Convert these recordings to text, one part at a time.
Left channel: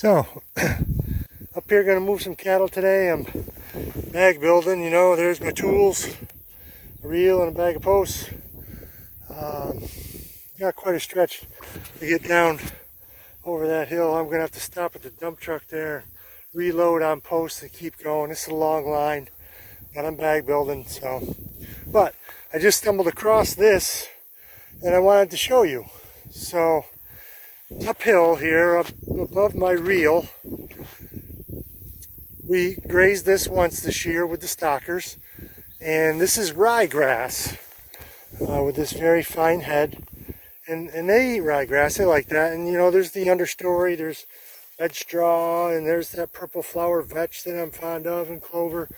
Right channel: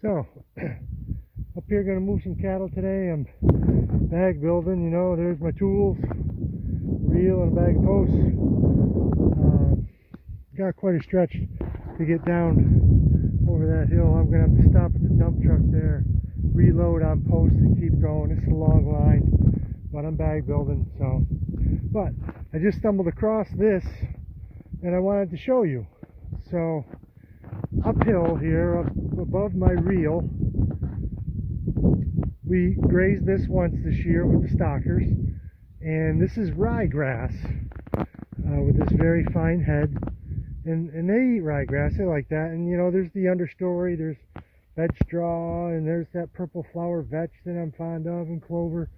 So, up here gonna move some cattle today. I'm bag building, you know, there's my tools, a reel and a bag of posts. Got quite a stretch to get down over that hill. I'm gonna have to stop at the dump truck there, reload on posts and keep going. It's a long line, but I'm bag building, so. But I just stumbled across this and I wanted to show you. So, uphill here, up above my reel, we grazed this once this year with the stockers, and this is ryegrass with this very fine head, and they eat ryegrass. They like that. And you know, there's the understory, there's vetch straw, and there's that purple flower vetch that I'm fond of, and clover.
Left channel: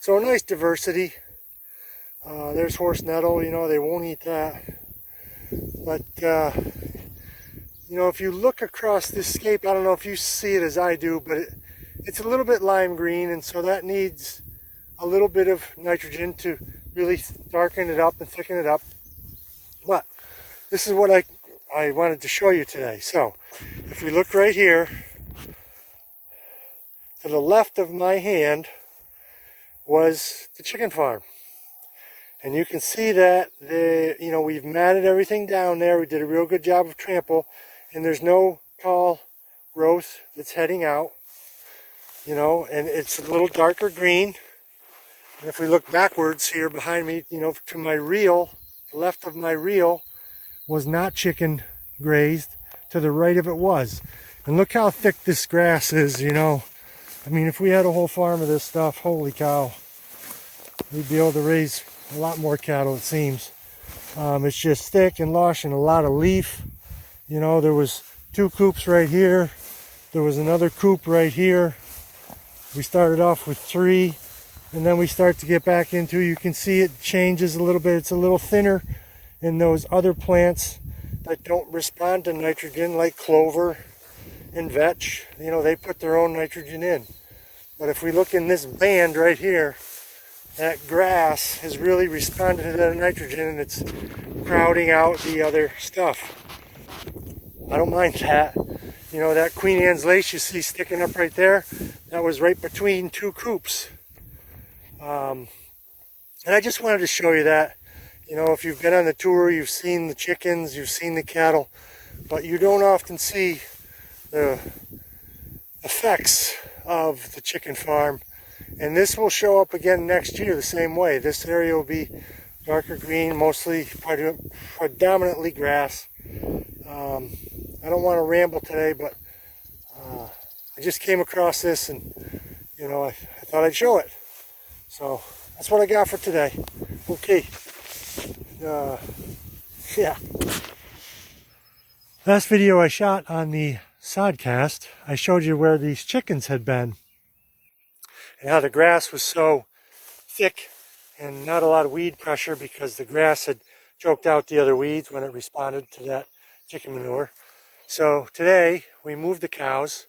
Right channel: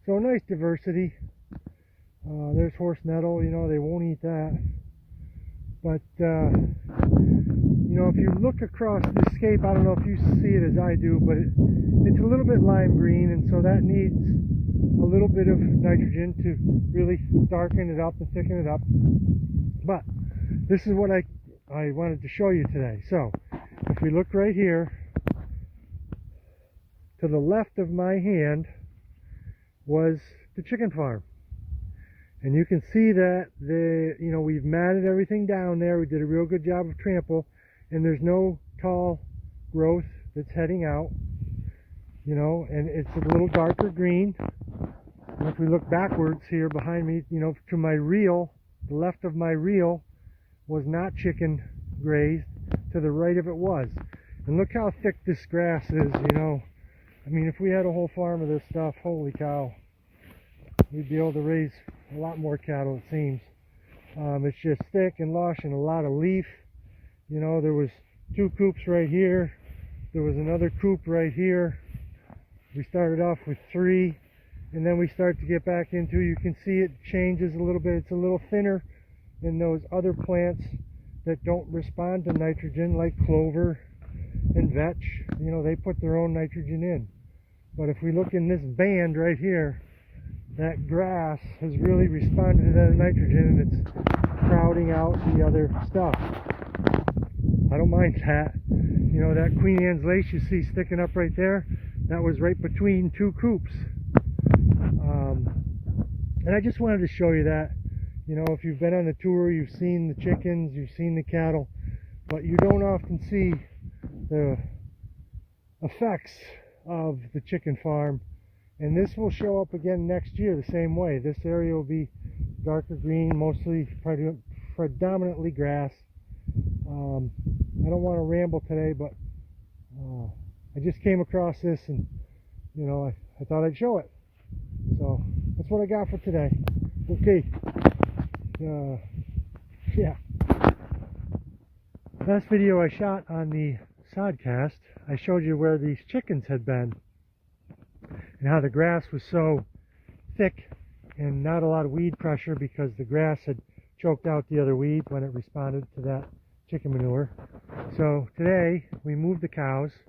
So a nice diversity. There's horse nettle, you know, they won't eat that. But you know, if you look across this scape, I don't know if you see it as I do, but it's a little bit lime green, and so that needs a little bit of nitrogen to really darken it up and thicken it up. But this is what I wanted to show you today. So if you look right here, to the left of my hand was the chicken farm. And you can see that you know, we've matted everything down there. We did a real good job of trample, and there's no tall growth that's heading out, you know, and it's a little darker green. And if we look backwards here behind me, you know, to my reel, the left of my reel was not chicken grazed, to the right of it was. And look how thick this grass is, you know. I mean, if we had a whole farm of this stuff, holy cow, we'd be able to raise a lot more cattle, it seems. It's just thick and lush and a lot of leaf. You know, there was 2 coops right here. There was another coop right here. We started off with 3, and then we start to get back into, you can see it changes a little bit. It's a little thinner in those other plants that don't respond to nitrogen, like clover and vetch. You know, they put their own nitrogen in. But if we look in this band right here, that grass has really responded to that nitrogen, and it's crowding out the other stuff. I don't mind that. You know, that Queen Anne's lace you see sticking up right there, that was right between 2 coops. And I just wanted to show you that. You know, if you've been on the tour, you've seen the chickens, you've seen the cattle, but you don't often see the effects of the chicken farm. And this will show up again next year the same way. This area will be darker green, mostly predominantly grass. I don't want to ramble today, but I just came across this, and you know, I thought I'd show it. So that's what I got for today. Okay. Yeah. Last video I shot on the sodcast, I showed you where these chickens had been, and how the grass was so thick and not a lot of weed pressure because the grass had choked out the other weeds when it responded to that chicken manure. So today we moved the cows,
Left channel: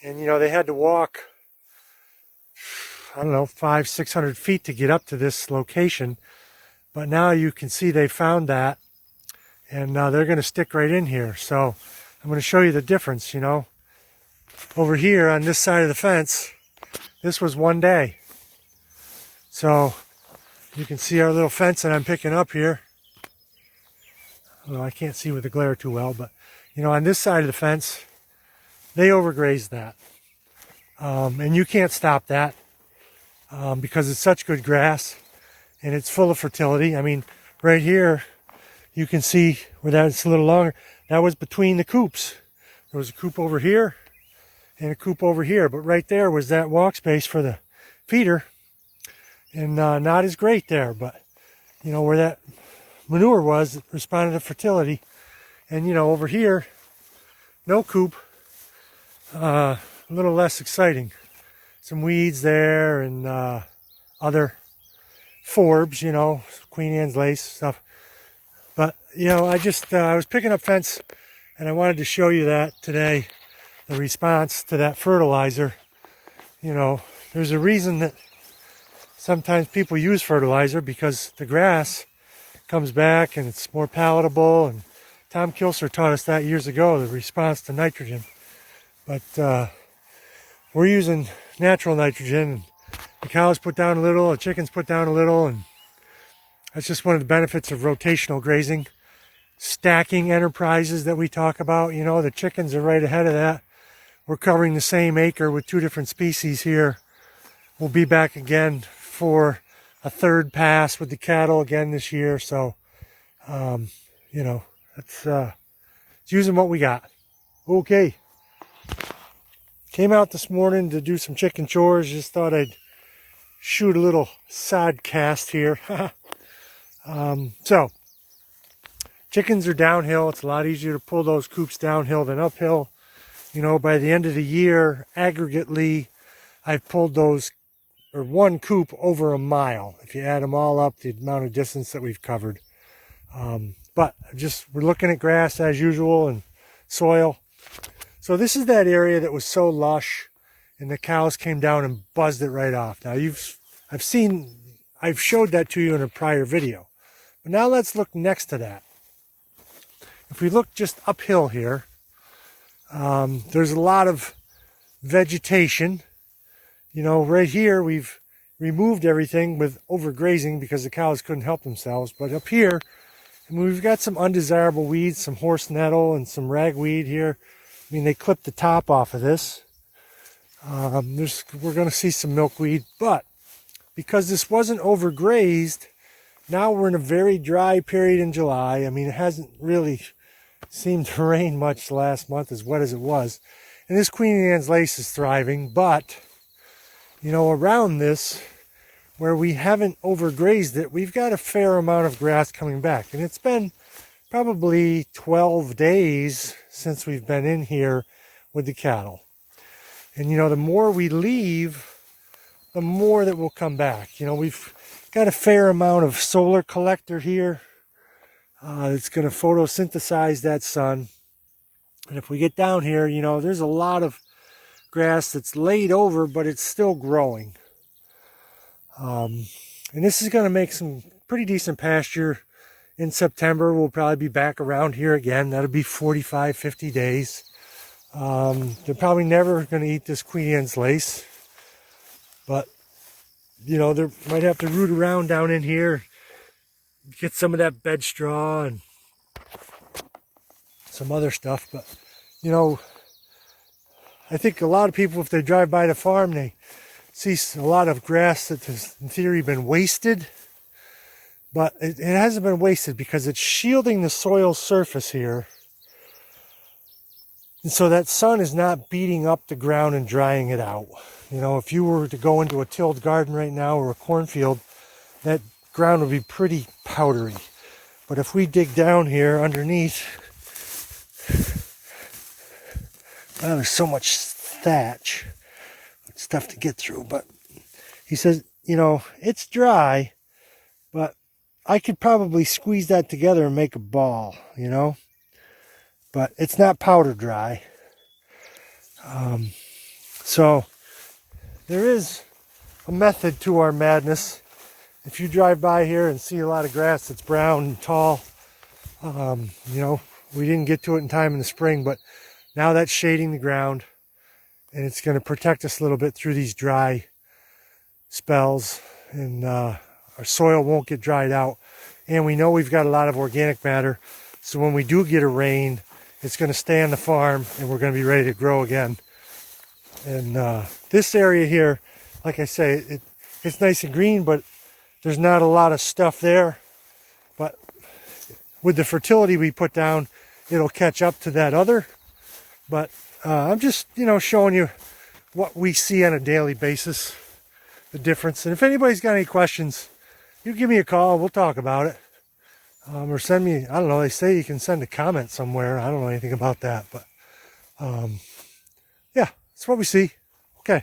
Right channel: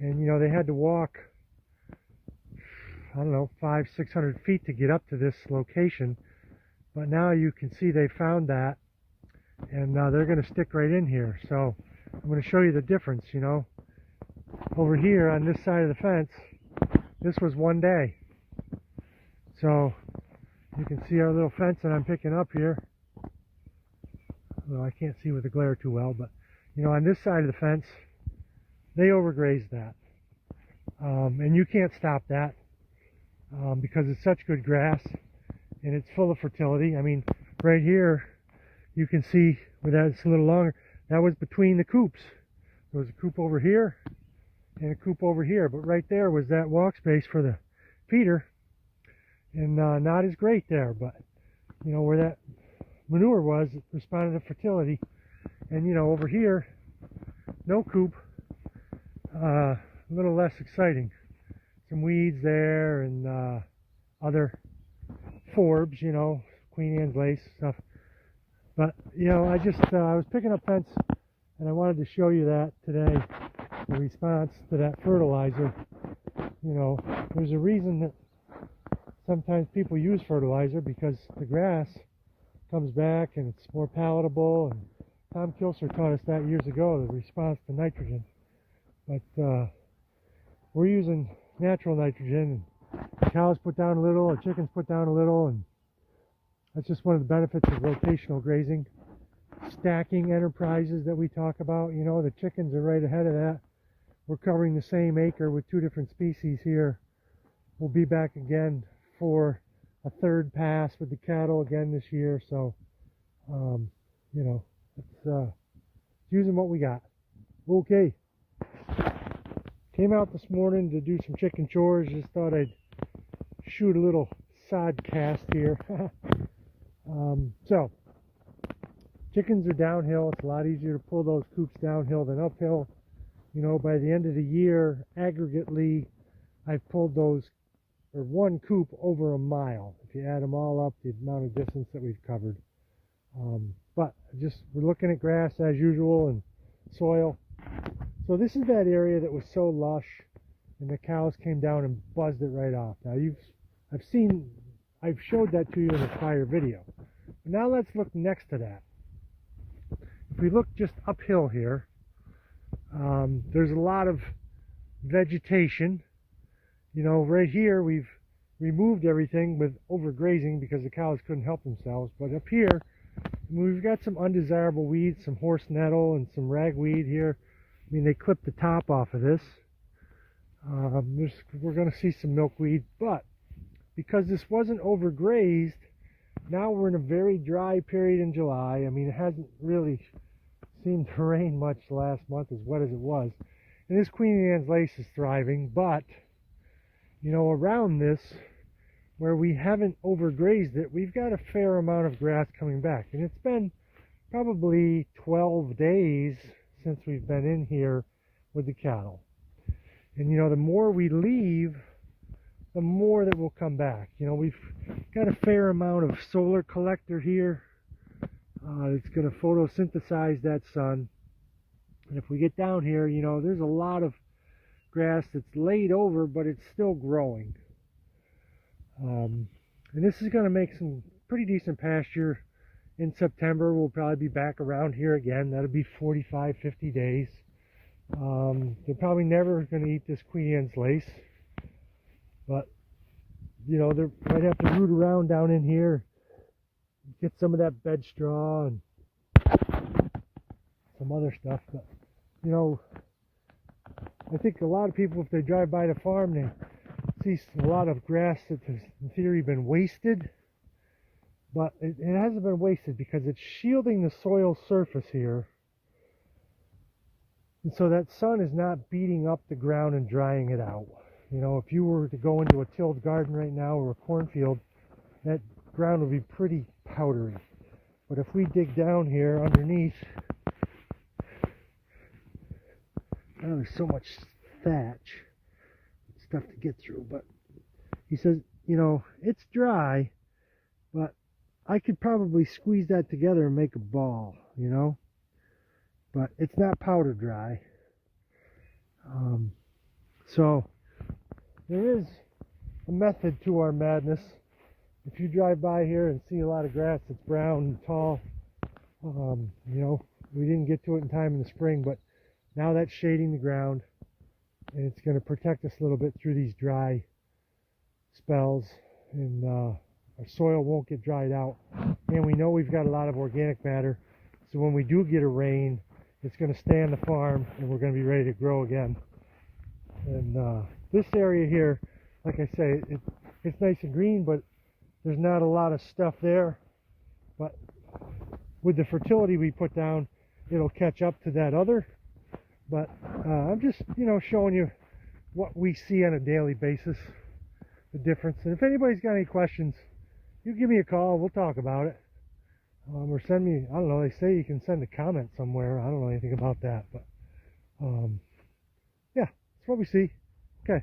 and you know, they had to walk, I don't know, 500-600 feet to get up to this location. But now you can see they found that, and they're going to stick right in here. So I'm going to show you the difference, you know. Over here on this side of the fence, this was one day. So you can see our little fence that I'm picking up here. Well, I can't see with the glare too well, but you know, on this side of the fence, they overgrazed that. And you can't stop that because it's such good grass and it's full of fertility. I mean, right here, you can see where that's a little longer. That was between the coops. There was a coop over here and a coop over here, but right there was that walk space for the feeder, and not as great there, but you know, where that manure was, it responded to fertility. And you know, over here, no coop, a little less exciting. Some weeds there, and other forbs, you know, Queen Anne's lace stuff. But you know, I was picking up fence, and I wanted to show you that today, the response to that fertilizer. You know, there's a reason that sometimes people use fertilizer, because the grass comes back and it's more palatable, and Tom Kilser taught us that years ago, the response to nitrogen. But we're using natural nitrogen. The cows put down a little, the chickens put down a little, and that's just one of the benefits of rotational grazing. Stacking enterprises that we talk about, you know, the chickens are right ahead of that. We're covering the same acre with 2 different species here. We'll be back again for a 3rd pass with the cattle again this year. So, you know, it's using what we got. Okay. Came out this morning to do some chicken chores. Just thought I'd shoot a little side cast here. So, chickens are downhill. It's a lot easier to pull those coops downhill than uphill. You know, by the end of the year, aggregately, I've pulled those, or 1 coop over a mile. If you add them all up, the amount of distance that we've covered. But we're looking at grass as usual and soil. So this is that area that was so lush, and the cows came down and buzzed it right off. Now I've showed that to you in a prior video. But now let's look next to that. If we look just uphill here, there's a lot of vegetation. You know, right here we've removed everything with overgrazing because the cows couldn't help themselves. But up here, we've got some undesirable weeds, some horse nettle and some ragweed here. I mean, they clipped the top off of this. We're going to see some milkweed, but because this wasn't overgrazed, now we're in a very dry period in July. I mean, it hasn't really seemed to rain much last month, as wet as it was. And this Queen Anne's lace is thriving, but, you know, around this, where we haven't overgrazed it, we've got a fair amount of grass coming back. And it's been probably 12 days since we've been in here with the cattle. And, you know, the more we leave, the more that will come back. You know, we've got a fair amount of solar collector here. It's going to photosynthesize that sun. And if we get down here, you know, there's a lot of grass that's laid over, but it's still growing. And this is going to make some pretty decent pasture. In September, we'll probably be back around here again. That'll be 45, 50 days. They're probably never going to eat this Queen Anne's lace. But, you know, they might have to root around down in here, get some of that bed straw and some other stuff. But, you know, I think a lot of people, if they drive by the farm, they see a lot of grass that has, in theory, been wasted. But it hasn't been wasted because it's shielding the soil surface here. And so that sun is not beating up the ground and drying it out. You know, if you were to go into a tilled garden right now or a cornfield, that ground would be pretty powdery. But if we dig down here underneath, well, there's so much thatch. It's tough to get through. But he says, you know, it's dry, but I could probably squeeze that together and make a ball, you know. But it's not powder dry. So there is a method to our madness. If you drive by here and see a lot of grass that's brown and tall, you know, we didn't get to it in time in the spring, but now that's shading the ground, and it's going to protect us a little bit through these dry spells, and our soil won't get dried out. And we know we've got a lot of organic matter, so when we do get a rain, it's going to stay on the farm, and we're going to be ready to grow again. And this area here, like I say, it's nice and green, but there's not a lot of stuff there. But with the fertility we put down, it'll catch up to that other. But I'm just, you know, showing you what we see on a daily basis, the difference. And if anybody's got any questions, you give me a call. We'll talk about it. Or send me, I don't know, they say you can send a comment somewhere. I don't know anything about that. But yeah, that's what we see. Okay.